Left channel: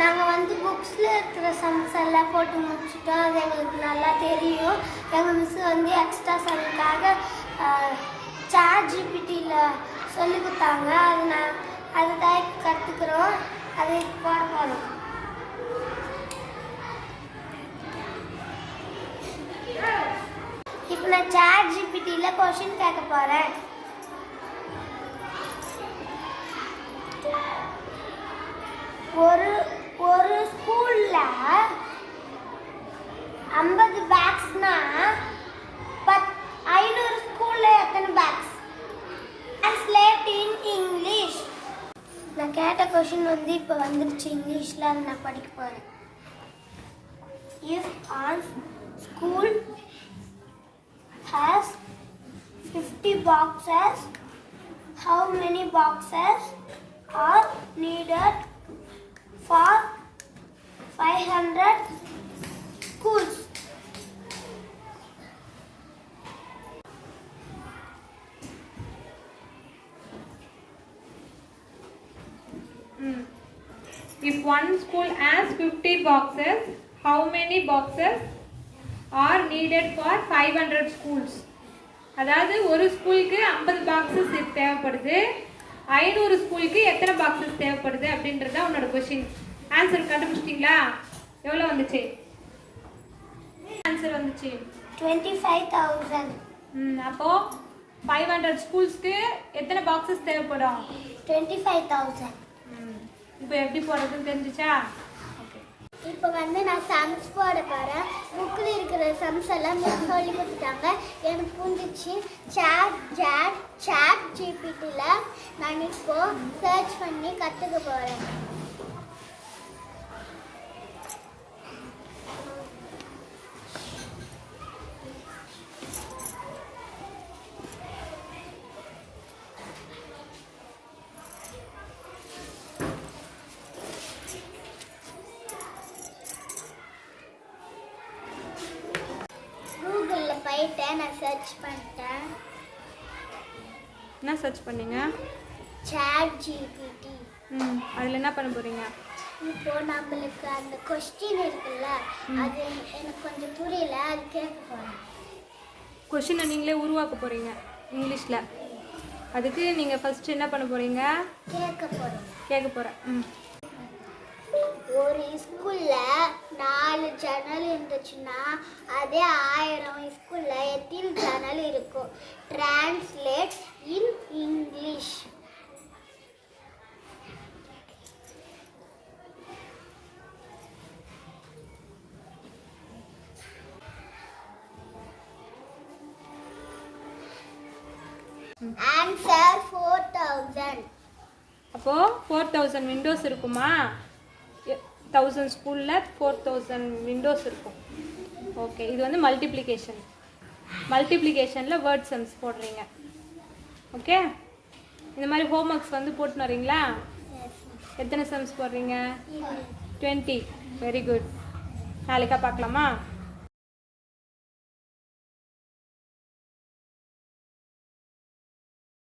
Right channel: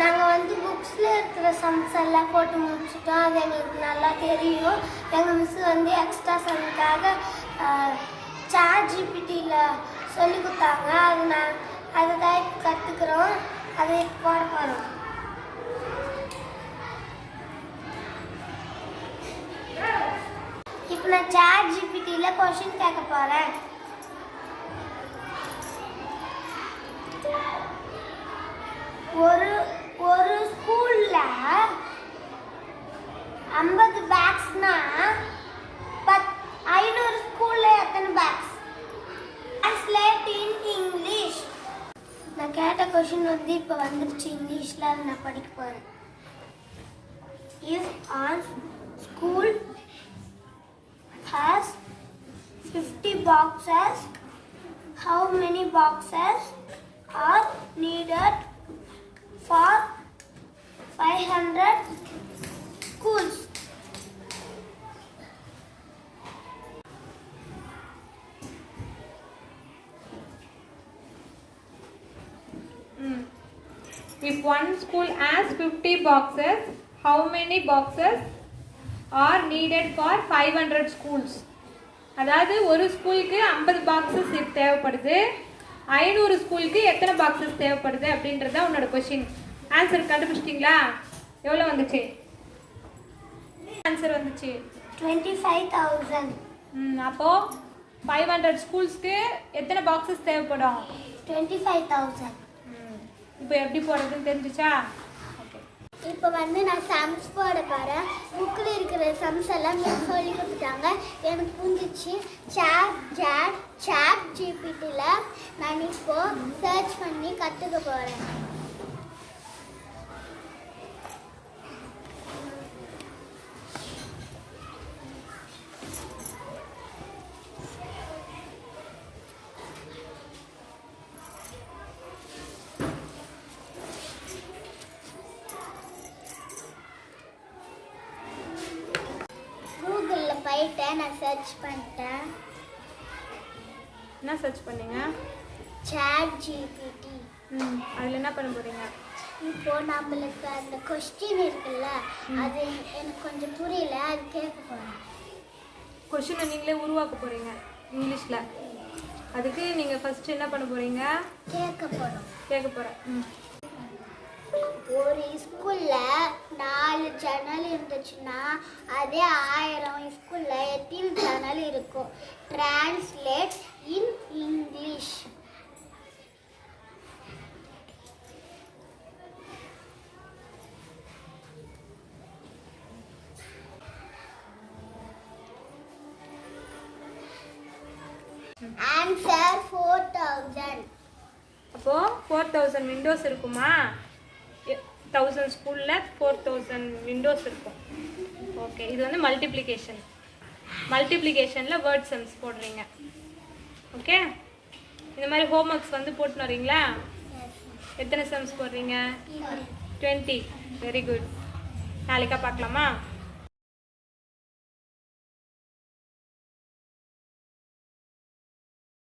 நாங்கள் வந்து புக்ஸில் இருக்கிற சம்ஸ் எல்லாம் போட்டு முடிச்சிட்டோம். அது எங்களுக்கு நல்லா தெரியும். எங்கள் மிஸ் வந்து எக்ஸ்ட்ரா சம்க்காக சாட் ஜிபிடியில் சொல்லி கொடுத்தாங்க. அதை தான் கற்றுக்குறோம். அதை போட போகிறோம். இப்போ நான் சாட் ஜிபிடியில் கொஷின் கேட்க போகிறேன். ஒரு ஸ்கூல்ல 50 பேக்ஸ்னா 500 ஸ்கூல்ல எத்தனை பேக்ஸ்? Translate in English. நான் கேட்ட கொஸ்டின் வந்து இப்போ வந்துருச்சு இங்கிலீஷ்ல. அதை நான் படிக்க போறேன். If a school has 50 boxes, how many boxes are needed for 500 schools? If one school has 50 boxes, how many boxes are needed for 500 schools? அதாவது ஒரு ஸ்கூலுக்கு 50 பாக்ஸஸ் தேவைப்படுது. 500 ஸ்கூலுக்கு எத்தனை பாக்ஸஸ் தேவைப்படுது அப்படின்றத உன்னோட கொஸ்டின். ஆன்சர் கண்டுபிடிச்சிட்டீங்களா? எவ்வளோ வந்துச்சு? ஆன்சர் வந்துச்சு 25,000. அப்போ 500 ஸ்கூல்ஸ்க்கு எத்தனை பாக்ஸஸ் தேவைப்படும்? 25,000. இப்போ எப்படி போடுறதுன்னு தெரிஞ்சிச்சா? ஓகே. இப்போ வந்து நான் சம்ஸ் போட போகிறேன். புக்கில் இருக்கிற சம்ஸ் எல்லாம் சொல்லி கொடுத்துட்டாங்க. எனக்கு புரிஞ்சிச்சு. சாட் ஜிபிடியில் நான் இப்போ சர்ச் பண்ணி கற்றுக்க போகிறேன். கூகுளில் போயிட்டு நான் சர்ச் பண்ணிட்டேன். என்ன சர்ச் பண்ணீங்க? ChatGPT. அதில் என்ன பண்ண போகிறீங்க? இப்போ நம்மளுக்கு அந்த கொஸ்டின் இருக்குல்ல, அது எனக்கு கொஞ்சம் புரியல. அது கேட்க போகிறேன். கொஸ்டினை நீங்களே உருவாக்க போகிறீங்க இங்கிலீஷில். அதுக்கு நீங்கள் ஃபஸ்ட்டு என்ன பண்ண போகிறீங்க? கேட்க போகிறேன். ஒரு ஸ்கூலில் 4 சேனல் இருந்துச்சுன்னா அதே 1000 ஸ்கூலில் எத்தனை சேனல் இருக்கும்? Translate in English. ஆன்சர் 4000. அப்போது 4000 விண்டோஸ் இருக்குமா? 1000 ஸ்கூலில் 4000 விண்டோஸ் இருக்கும். ஓகே. இது வந்து மல்டிப்ளிகேஷனில் வேர்ட் சம்ஸ் போடுறீங்க. ஓகே. இந்த மாதிரி ஹோம்ஒர்க்ஸ் வந்து போட்டுன்னு வரீங்களா? எத்தனை சம்ஸ் போடுறீங்க? 20. Very good. நாளைக்கா பார்க்கலாமா?